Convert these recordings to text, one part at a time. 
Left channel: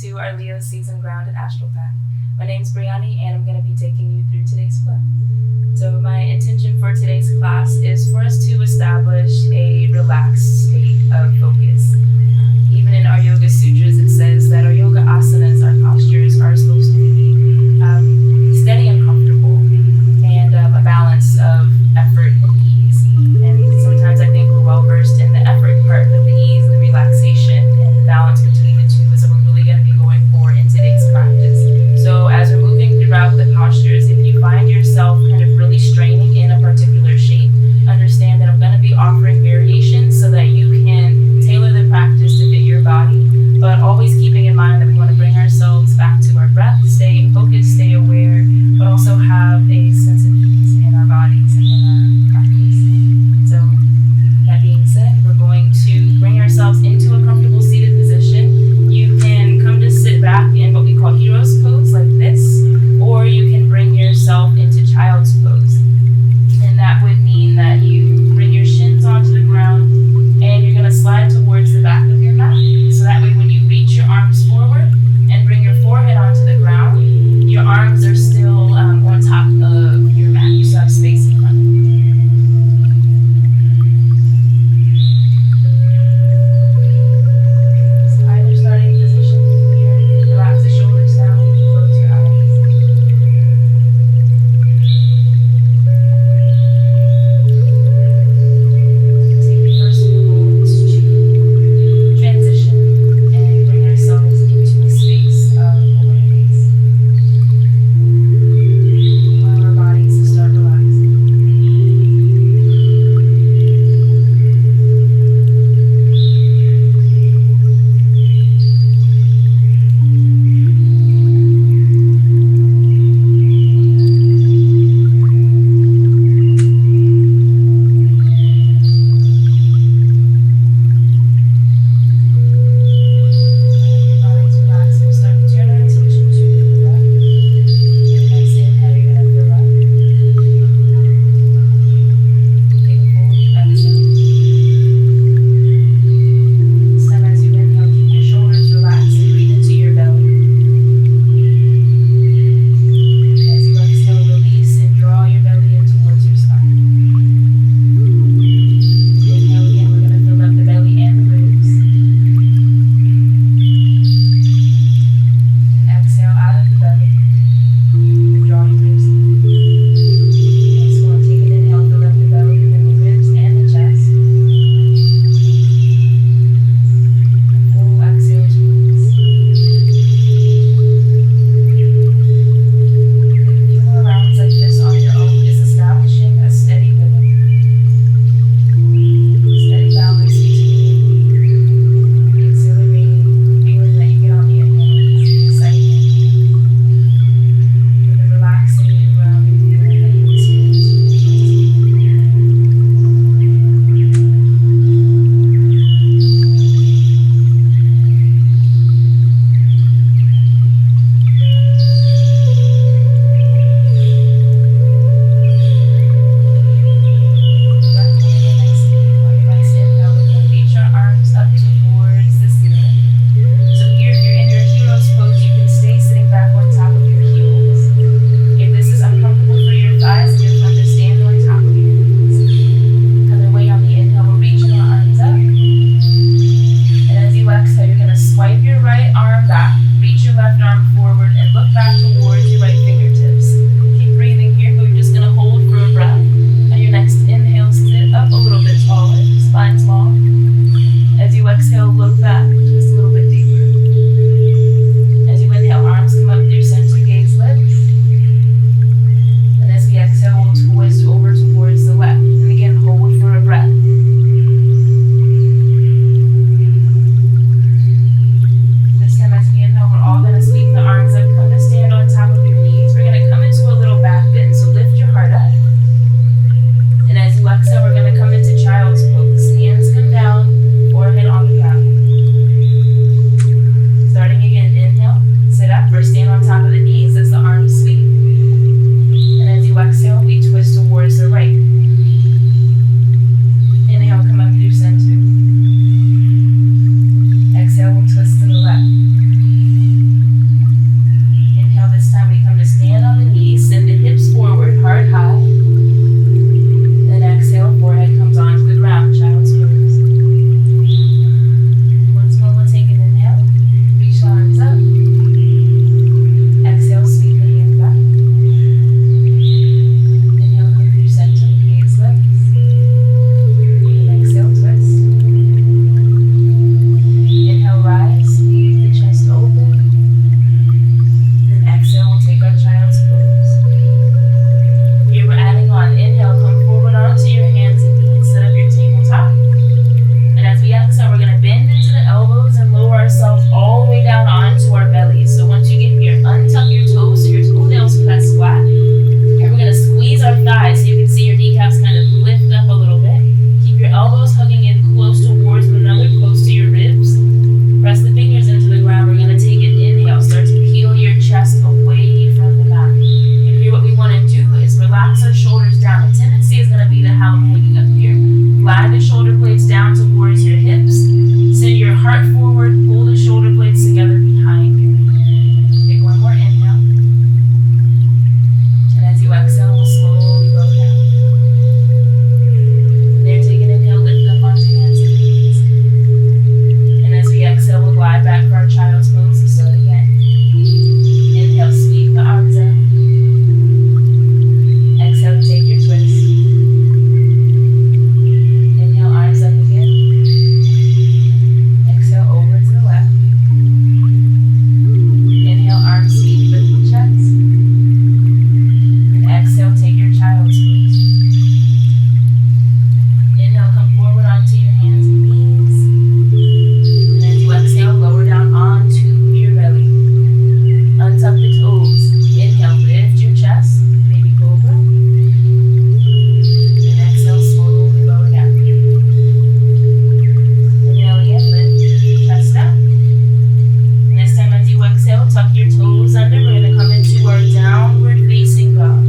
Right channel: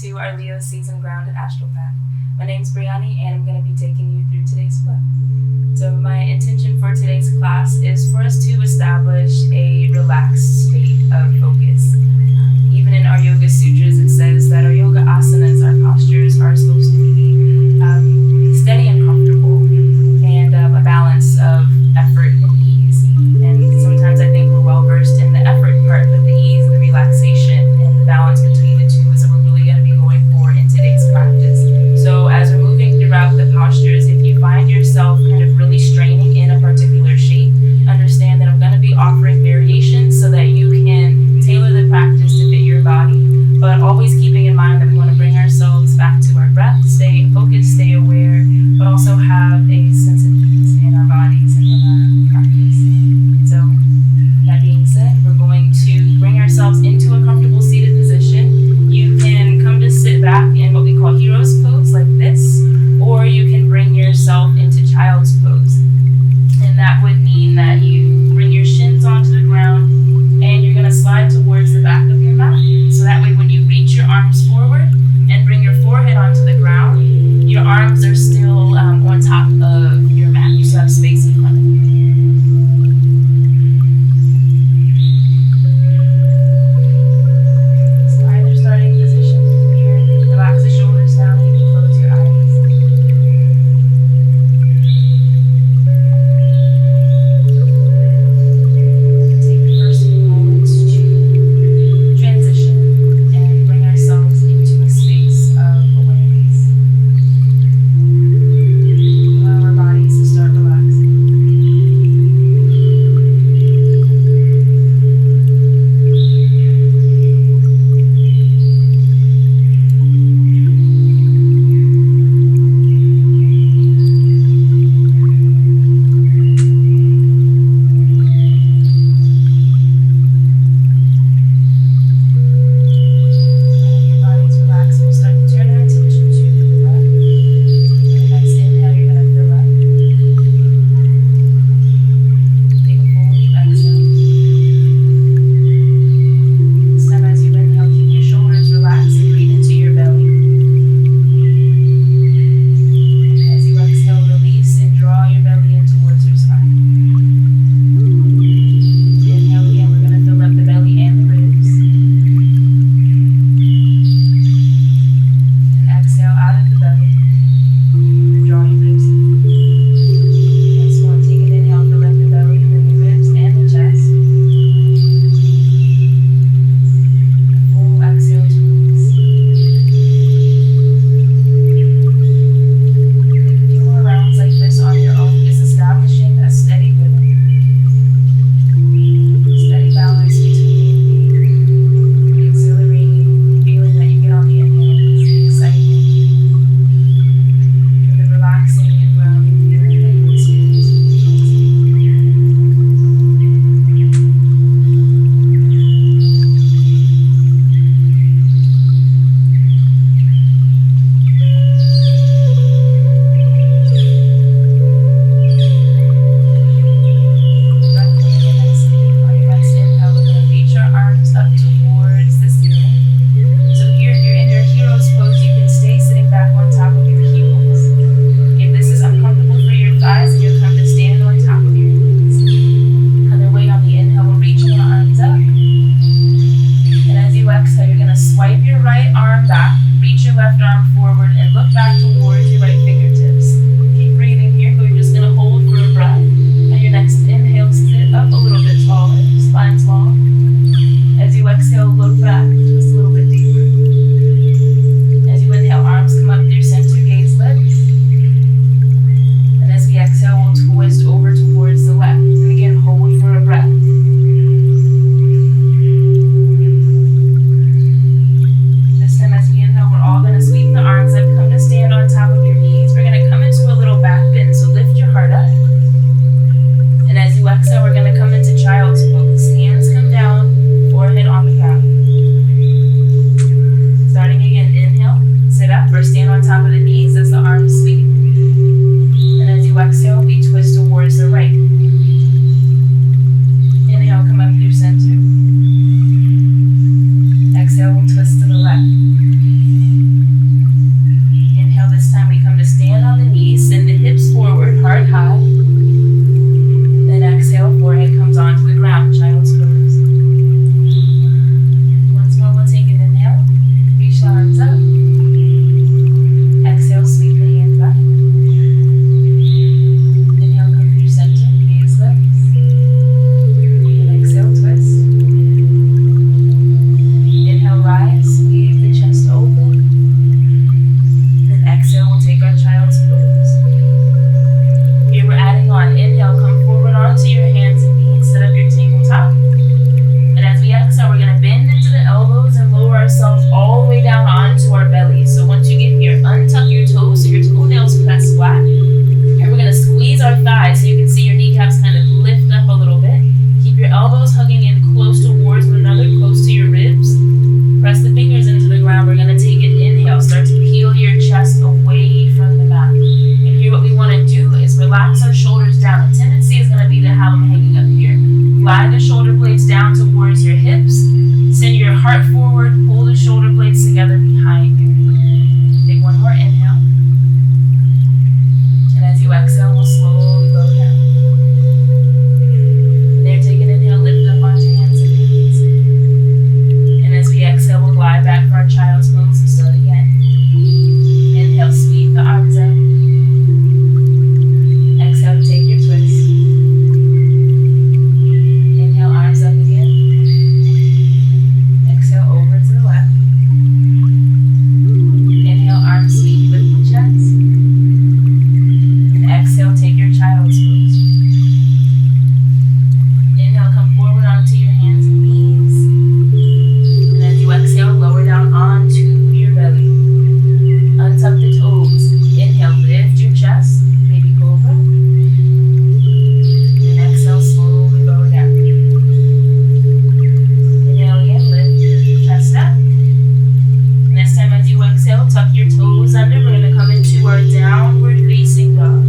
to our Leo Season Grounded Astral Pack. My name's Brianni, and I'm going to be taking you through today's flow. So my intention for today's class is for us to establish a relaxed state of focus. Even in our Yoga Sutras, it says that our yoga asanas, our postures, are supposed to be steady and comfortable, and a balance of effort and ease. And sometimes I think we're well versed in the effort part, but the ease and the relaxation and the balance between the two is what we're really going to be going for in today's practice. So as we're moving throughout the postures, if you find yourself kind of really straining in a particular shape, understand that I'm going to be offering variations so that you can tailor the practice to fit your body, but always keeping in mind that we want to bring ourselves back to our breath, stay focused, stay aware, but also have a sense of ease in our bodies and in our practice. So that being said, we're going to bring ourselves into a comfortable seated position. You can come to sit back in what we call hero's pose like this, or you can bring yourself into child's pose. And that would mean that you bring your shins onto the ground and you're going to slide towards the back of your mat. So that way when you reach your arms forward and bring your forehead onto the ground, your arms are still on top of your mat. You still have space in front of you. So either starting position, you can relax the shoulders down, you can close your eyes. Swipe your right arm back, reach your left arm forward, and look back towards your right fingertips. Keep breathing here, but you're just going to hold for a breath. On your next inhale, sit up a little bit taller, spine's long. As you exhale, look back, twist a little bit deeper. As you inhale, arms come up through center, gaze lips. And as we exhale, we'll twist over towards the left. And again, hold for a breath. We're all going to sweep the arms up, come to stand on top of your knees. We're going to come into a little back bend, so lift your heart up. And as you exhale, we're going to come into child's pose. Hands come down, forehead on the ground. Starting again, inhale, sit up or stand on top of the knees as the arms sweep. And as you exhale, we twist towards the right. Inhale, come up through center. Exhale, we'll twist to the left. Inhale, this time we come to stand on the knees, send the hips forward, heart high. Then exhale, forehead comes onto the ground, child's pose. Once more, we'll take an inhale, reach the arms up. Exhale, sweep the hands back. Inhale, come through center, gaze lifts. And exhale, twist. Inhale, rise, leave the chest open. Then exhale, we'll take our child's pose. Here we're adding on. Inhale, come forward onto your hands and knees, set up your tabletop. And as we exhale, we're going to bend into the elbows and lower ourselves all the way down onto our bellies. So once you get here, untuck your toes so your toenails press flat. And we're going to squeeze our thighs so you can see your kneecaps kind of lift up a little bit. Keep your elbows hugging in close towards one another, close to your ribs. Press the fingers into the ground. We're going to take an inhale. Start to peel your chest away from the mat. And here what we want to do is relax our shoulders down. The tendency is going to be to have them hanging up here. Glide the shoulder blades down towards your hips. Send your heart forward. Pull the shoulder blades together behind you. Take one more inhale. And as you exhale, we'll slowly go down. And there, take an inhale, lift up onto hands and knees. And as we exhale, we'll glide back for our child's pose. So start again. Inhale, sweep the arms up. Exhale to take your twist. Inhale, arms up again. Exhale, over to the left. Inhale, arms sweep, lift the chest. And exhale, take your child's pose. Inhale, come forward onto your hands and knees. And as you exhale, lower down onto your belly. Untuck the toes. Inhale, lift your chest, baby cobra. And exhale, slowly lower down. Inhale again, lift your chest up. And this time as you exhale, tuck your toes under. We're going to come into our downward facing dog.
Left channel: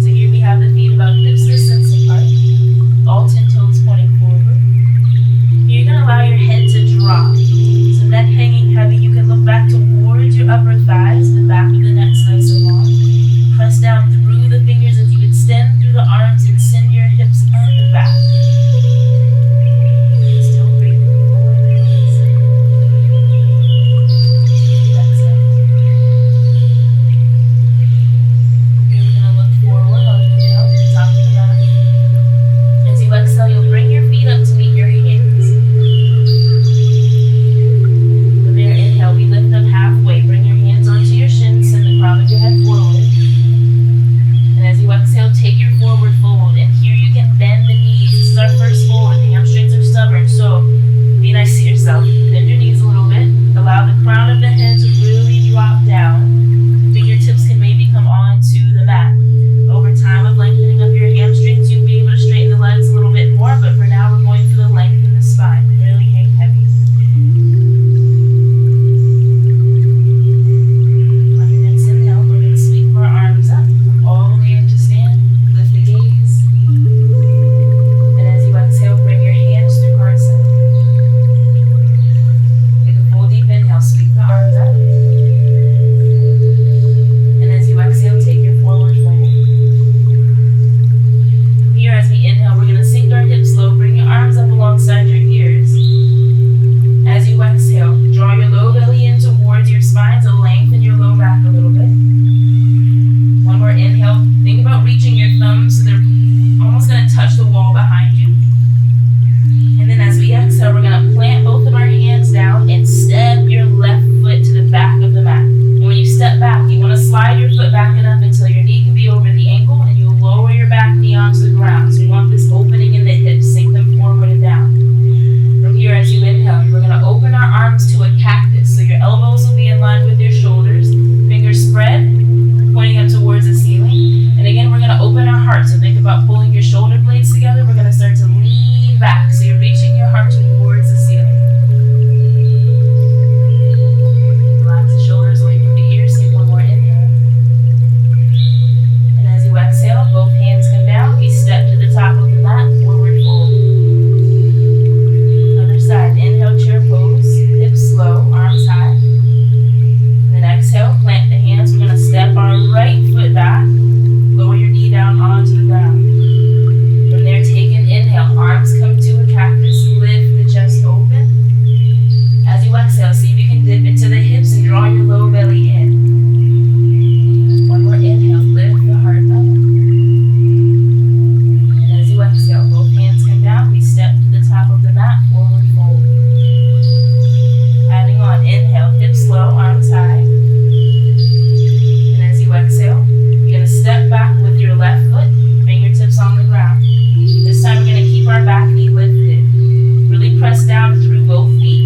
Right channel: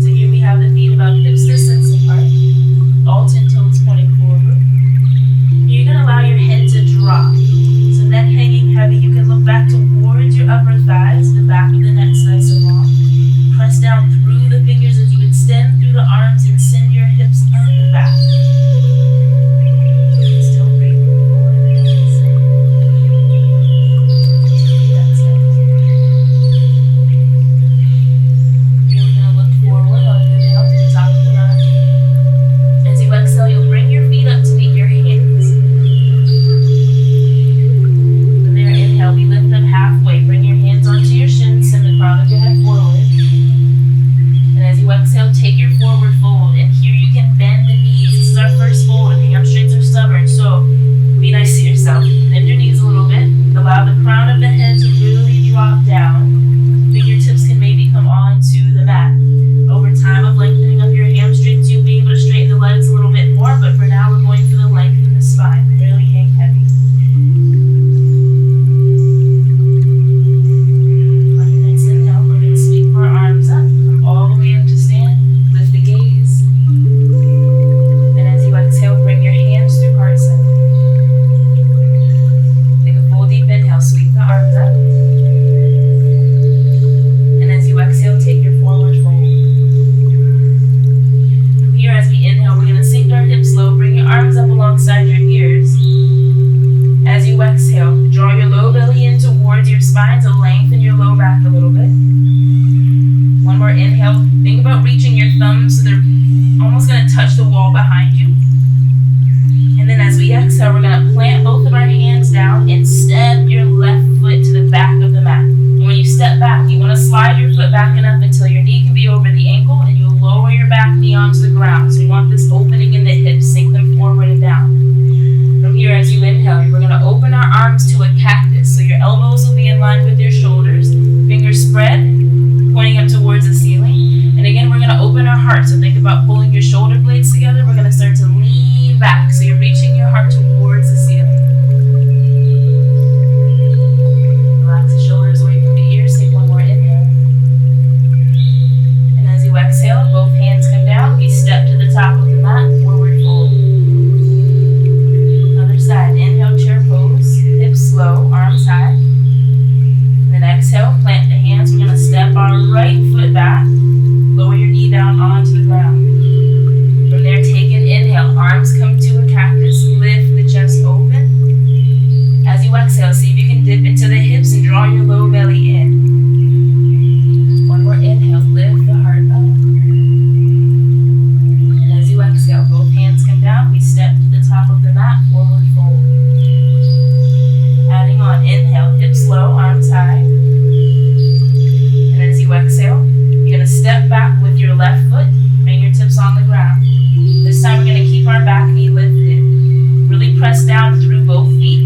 So here we have the feet about hips distance apart. All 10 toes pointing forward. You're going to allow your head to drop. So neck hanging heavy, you can look back towards your upper thighs, the back of the neck nice and long. Press down through the fingers as you extend through the arms and send your hips up and back. Still breathing. Exhale. Here we're going to look forward on the inhale to the top of the mat. As you exhale, you'll bring your feet up to meet your hands. From there, inhale, we lift up halfway. Bring your hands onto your shins, send the crown of your head forward. And as you exhale, take your forward fold. And here you can bend the knees. This is our first fold, and the hamstrings are stubborn. So be nice to yourself. Bend your knees a little bit. Allow the crown of the head to really drop down. Fingertips can maybe come onto the mat. Over time of lengthening up your hamstrings, you'll be able to straighten the legs a little bit more. But for now, we're going for the length in the spine. Really hang heavy. On your next inhale, we're going to sweep our arms up. Come all the way up to stand. Lift the gaze. And as you exhale, bring your hands through heart center. Take a full deep inhale. Sweep the arms up. And as you exhale, take your forward fold. From here, as we inhale, we're going to sink our hips low. Bring your arms up alongside your ears. As you exhale, draw your low belly in towards your spine to lengthen your low back a little bit. One more inhale. Think about reaching your thumbs so they're almost going to touch the wall behind you. And then as we exhale, we're going to plant both of our hands down and step your left foot to the back of the mat. And when you step back, you want to slide your foot back enough until your knee can be over the ankle, and you'll lower your back knee onto the ground. So you want this opening in the hips, sink them forward and down. From here, as you inhale, we're going to open our arms to a cactus. So your elbows will be in line with your shoulders, fingers spread, pointing up towards the ceiling. And again, we're going to open our heart. So think about pulling your shoulder blades together. We're going to start to lean back. So you're reaching your heart towards the ceiling. Relax the shoulders away from the ears. Take one more inhale. And as you exhale, both hands come down. We step to the top of the mat, forward fold. Other side. inhale, chair pose, hips slow, arms high. And then exhale, plant the hands. We're going to step our right foot back, lower your knee down onto the ground. From there, take an inhale, arms come to a cactus, lift the chest open. As you exhale, see if you can dip into the hips and draw your low belly in. One more inhale, lift the heart up. And as you exhale, both hands come down, we step to the top of the mat, forward fold. Adding on, inhale, hips low, arms high. And as you exhale, you're going to step back with your left foot, fingertips on the ground. This time we're going to keep our back knee lifted. Really press down through both feet.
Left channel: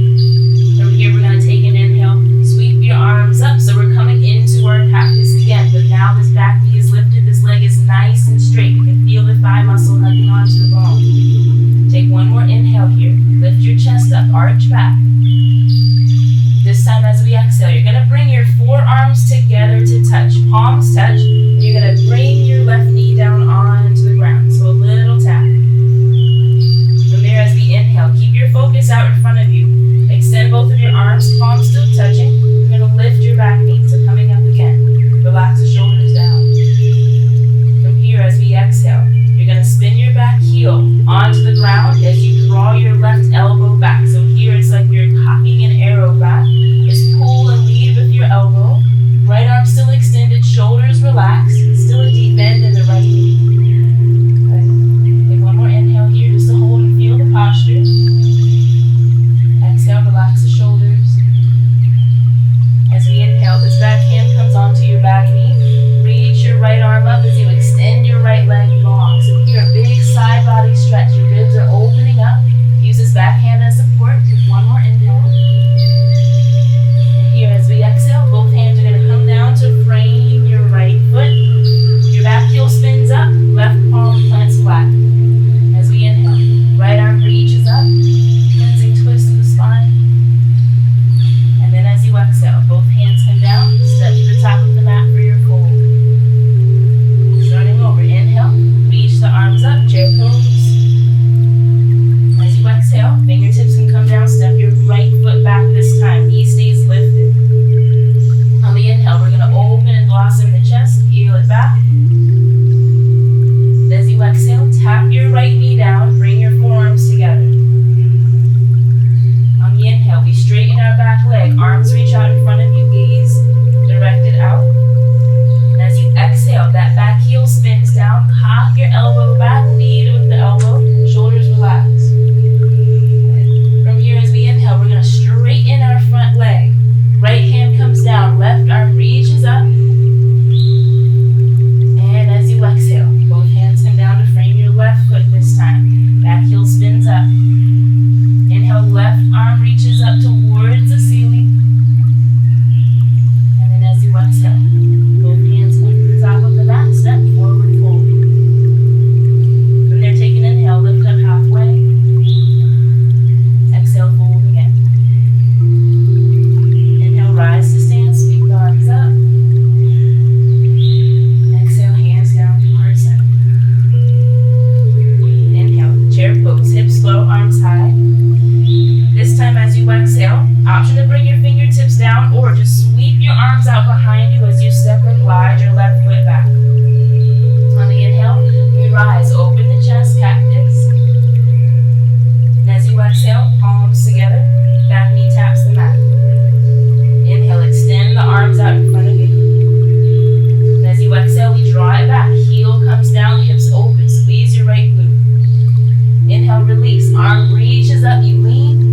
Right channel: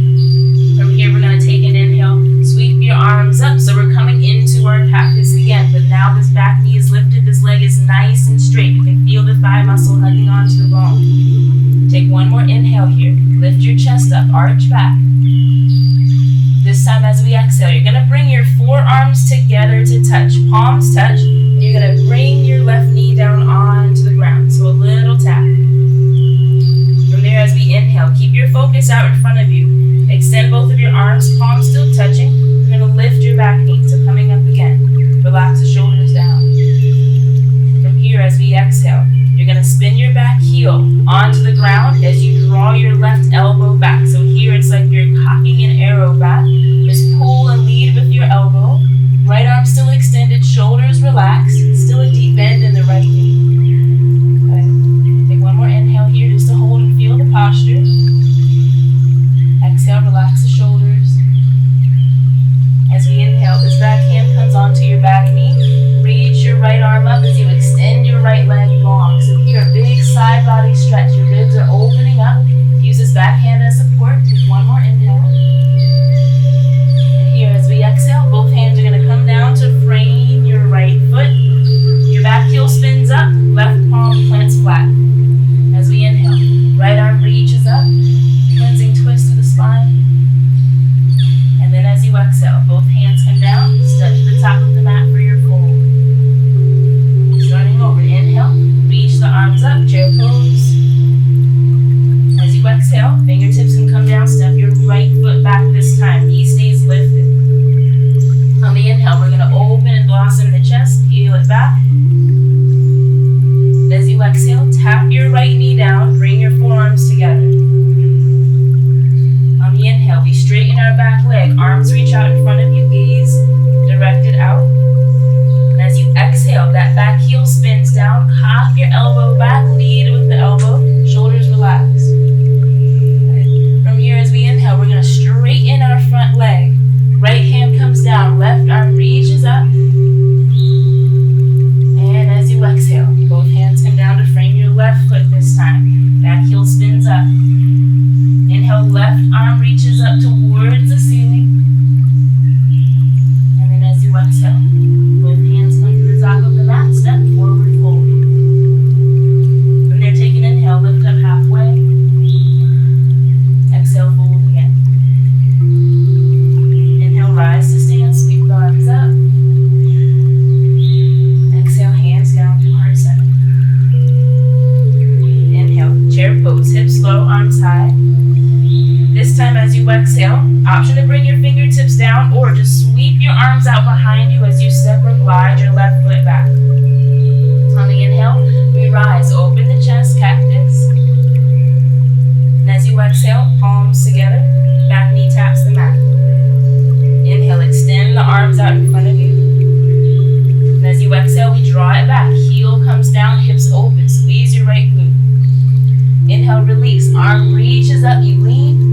From here, we're going to take an inhale, sweep your arms up. So we're coming into our cactus again, but now this back knee is lifted. This leg is nice and straight. You can feel the thigh muscle hugging onto the bone. Take one more inhale here. Lift your chest up, arch back. This time as we exhale, you're going to bring your forearms together to touch. Palms touch, and you're going to bring your left knee down onto the ground. So a little tap. From there, as we inhale, keep your focus out in front of you. Extend both of your arms, palms still touching. You're going to lift your back knee. So coming up again. Relax the shoulders down. From here, as we exhale, you're going to spin your back heel onto the ground as you draw your left elbow back. So here it's like you're cocking an arrow back. Just pull and lead with your elbow. Right arm still extended, shoulders relaxed. Still a deep bend in the right knee. Okay. Take one more inhale here just to hold and feel the posture. Exhale, relax the shoulders. As we inhale, this back hand comes onto your back knee. Reach your right arm up as you extend your right leg long. So here, a big side body stretch. Your ribs are opening up. Use this back hand as support. Take one more inhale. And here, as we exhale, both hands are going to come down to frame your right foot. Your back heel spins up. Left palm plants flat. As we inhale, right arm reaches up. Cleansing twist to the spine. And then as you exhale, both hands come down, step to the top of the mat for your fold. Starting over, inhale, reach the arms up, chair pose. As you exhale, fingertips can come down, step your right foot back this time, knee stays lifted. On the inhale, we're going to open and blossom the chest, heel it back. As you exhale, tap your right knee down, bring your forearms together. On the inhale, we straighten our back leg. Arms reach out in front of you, gaze directed out. And as you exhale, that back heel spins down. Cock your elbow back, lead with the elbow. Shoulders relax. From here, as we inhale, we're going to straighten our front leg. Right hand comes down, left arm reaches up. And as you exhale, both hands come down to frame your left foot this time. Back heel spins up. Inhale, left arm reaches up towards the ceiling. And then as you exhale, both hands come to the top of the mat, step forward, fold. From there, take an inhale, lift up halfway. Exhale, fold again. Inhale, rise to stand, sweep the arms up. Exhale, hands down to heart center. Inhale, chair pose, hips low, arms high. This time as you exhale, option to bring your fingertips down or just sweep your arms out behind you as you step or glide your left foot back. On the inhale, we rise, open the chest, cactus. And as you exhale, palms together, back knee taps the mat. Inhale, extend the arms out in front of you. And as you exhale, we draw it back. Heel comes down, hips open, squeeze your right glute. Inhale, release, arm reaches up, you lean.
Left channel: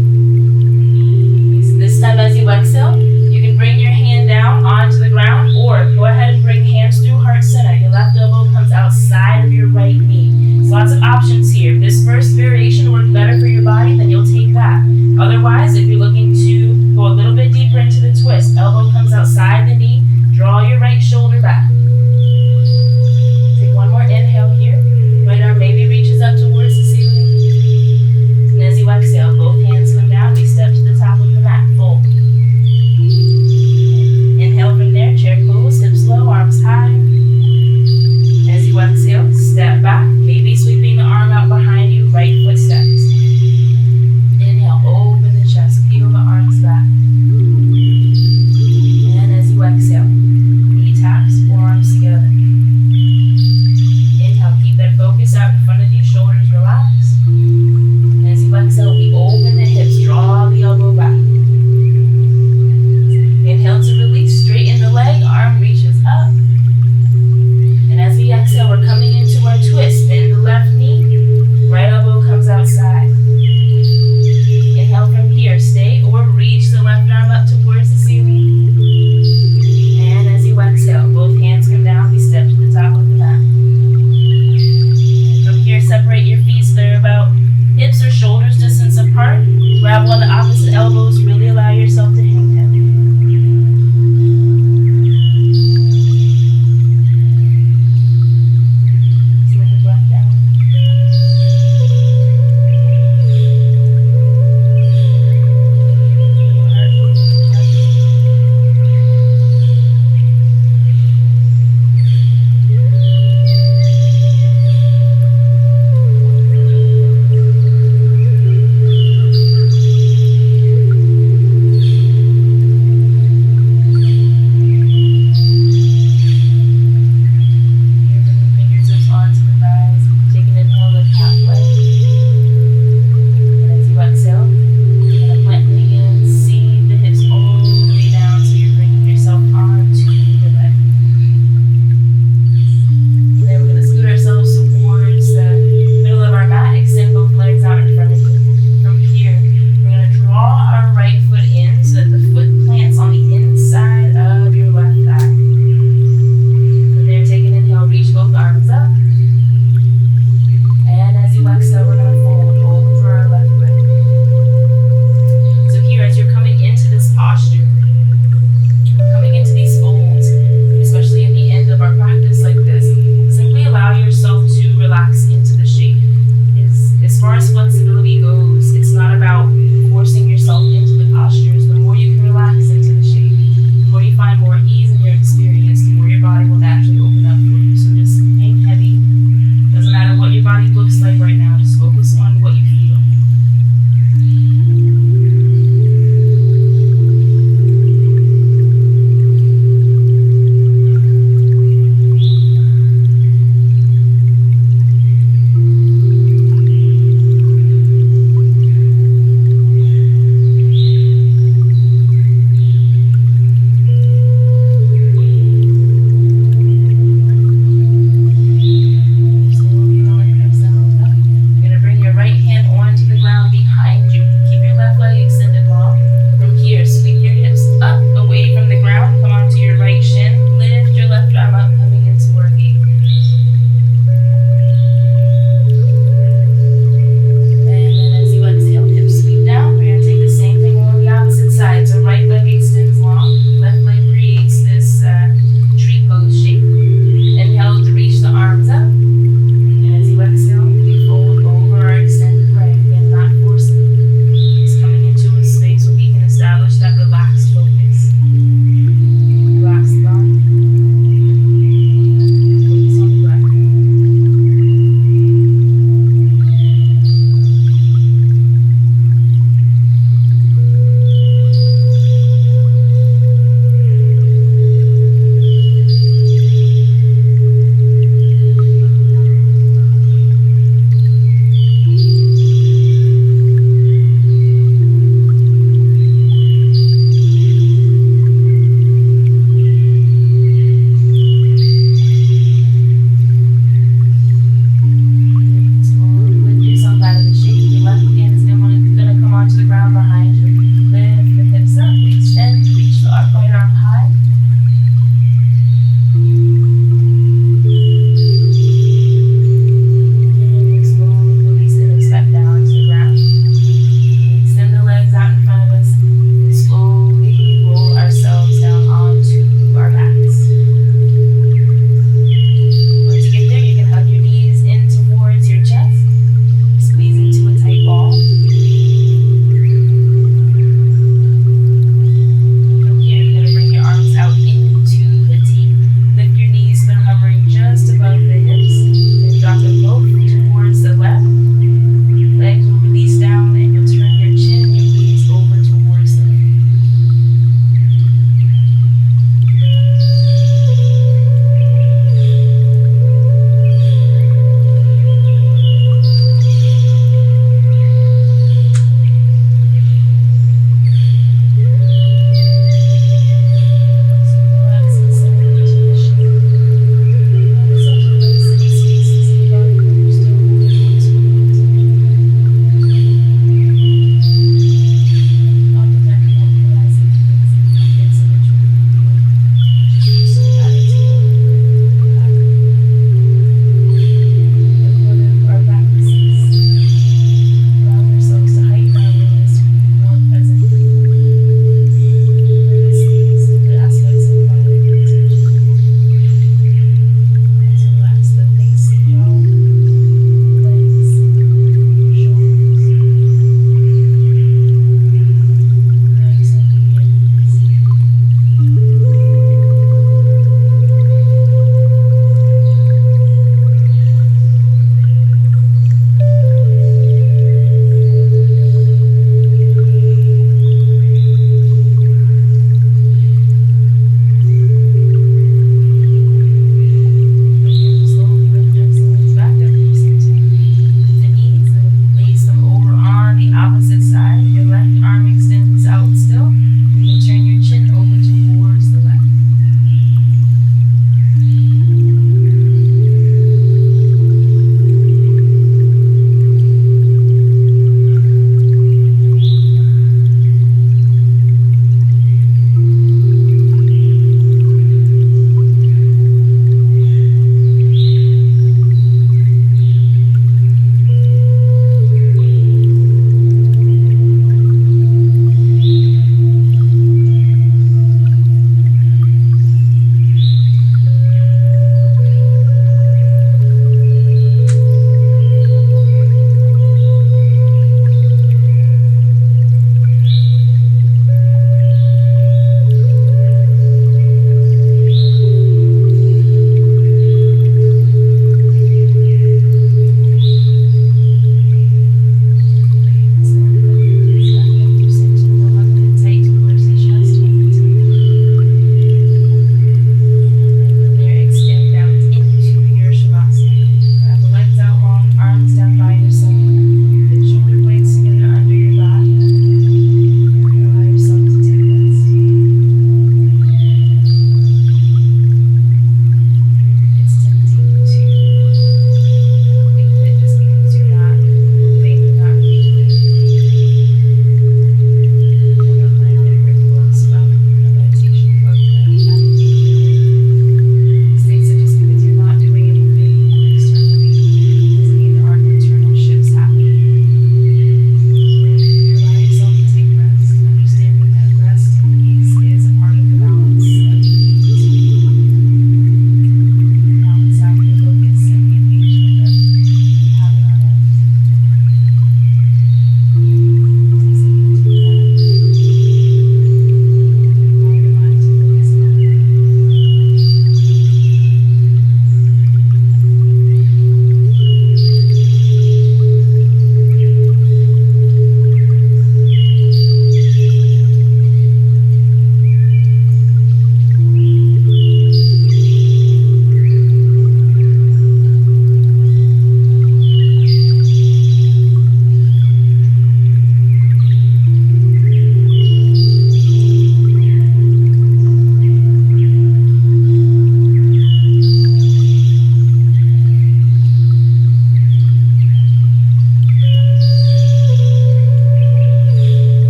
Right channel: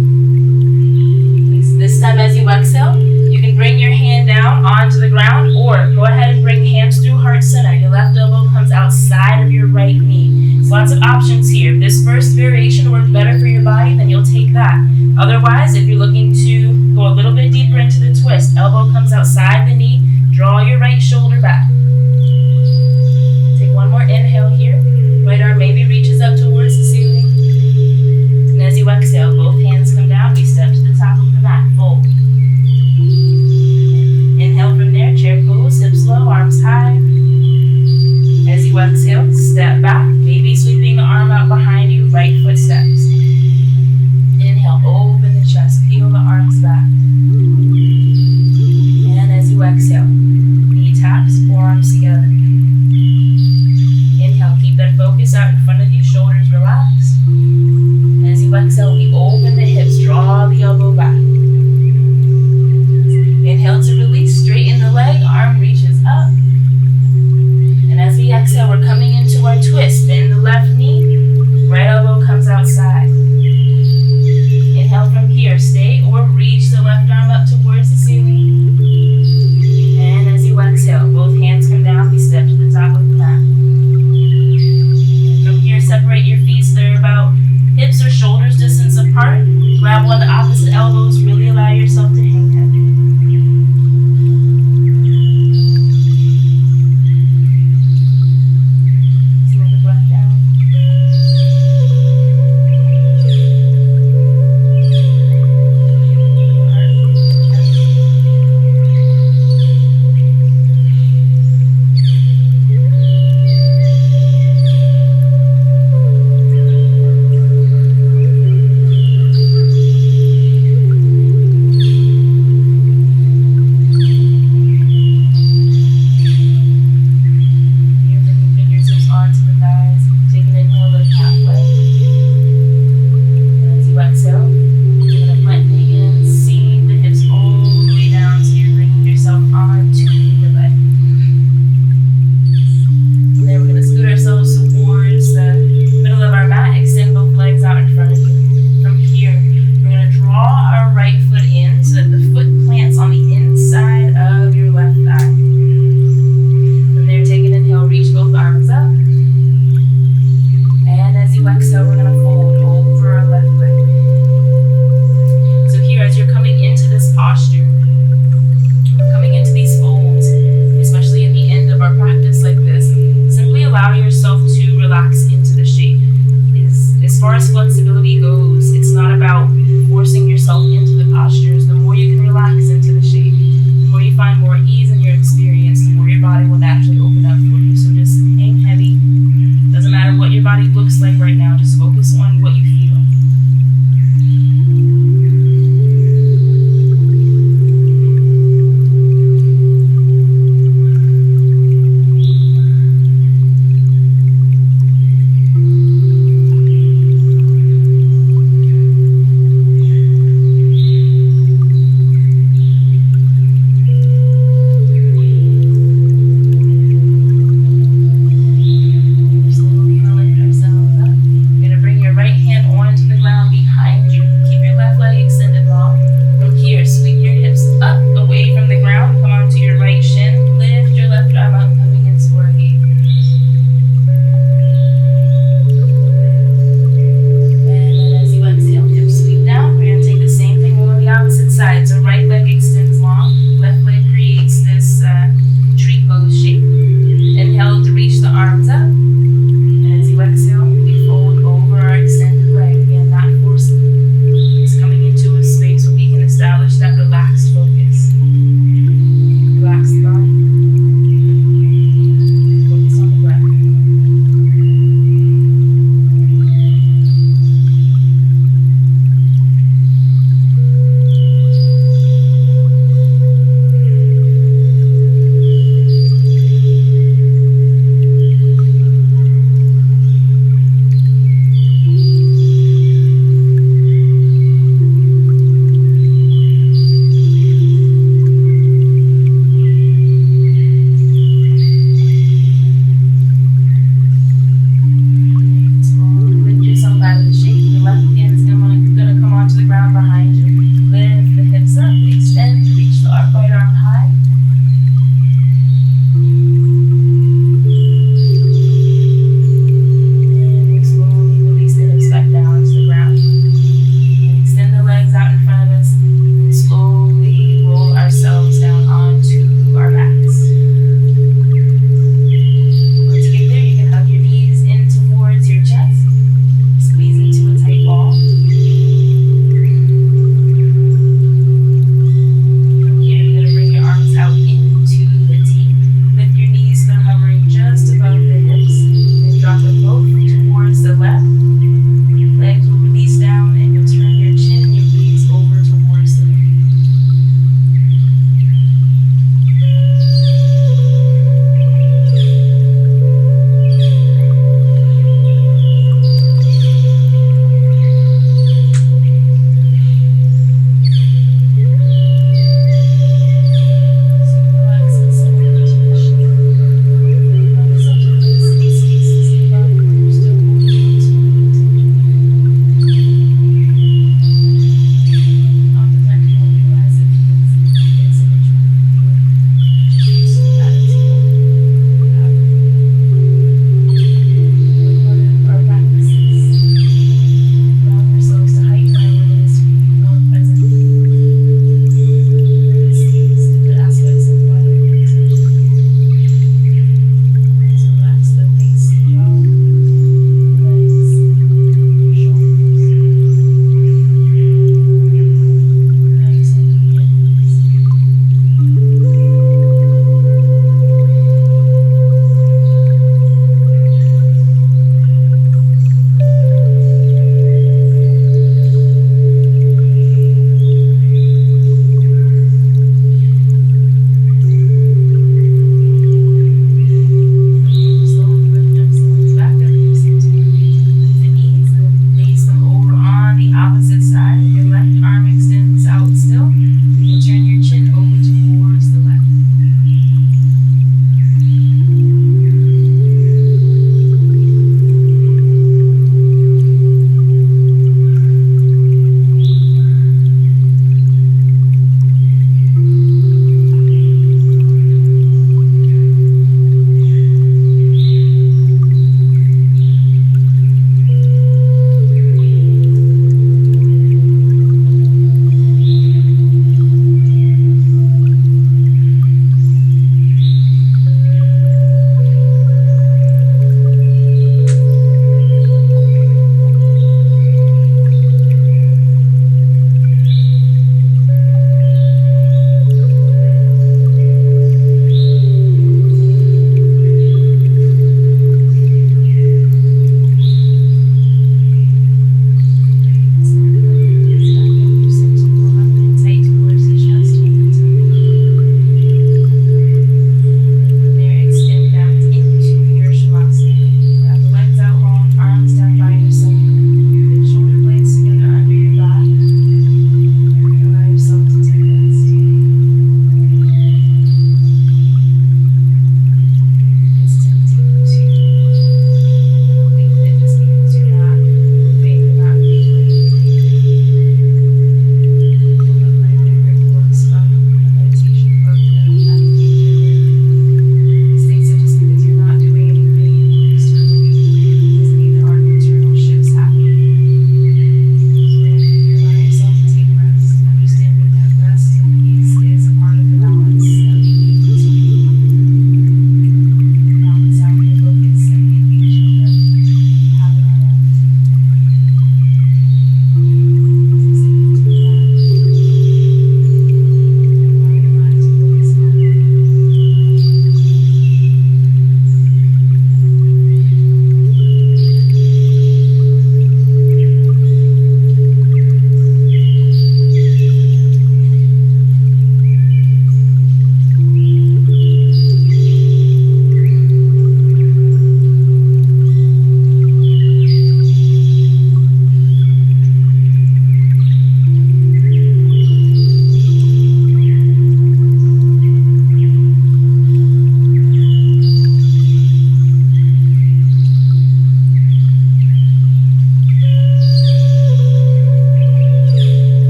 This time as you exhale, you can bring your hand down onto the ground or go ahead and bring hands through heart center. Your left elbow comes outside of your right knee. There's lots of options here. If this first variation worked better for your body, then you'll take that. Otherwise, if you're looking to go a little bit deeper into the twist, elbow comes outside the knee, draw your right shoulder back. Take one more inhale here. Right arm maybe reaches up towards the ceiling. And as you exhale, both hands come down. We step to the top of the mat. Fold. Inhale from there. Chair pose. Hips low. Arms high. As you exhale, step back. Maybe sweeping the arm out behind you. Right foot steps. Inhale. Inhale, open the chest, peel the arms back. And as you exhale, knee taps, forearms together. Inhale, keep that focus out in front of you, shoulders relaxed. And as you exhale, we open the hips, draw the elbow back. Inhale to release, straighten the leg, arm reaches up. And as we exhale, we're coming into our twist. Bend the left knee, right elbow comes outside. Inhale from here, stay or reach the left arm up towards the ceiling. And as you exhale, both hands come down, we step to the top of the mat. And from here, separate your feet so they're about hips or shoulders distance apart. Grab one of the opposite elbows, really allow yourself to hang heavy. Slow the breath down. Looks like right now, just focus on what you feel. Legs will release down and you'll turn your chin the side. Your left arm extends out still. You can turn your chin over towards the left.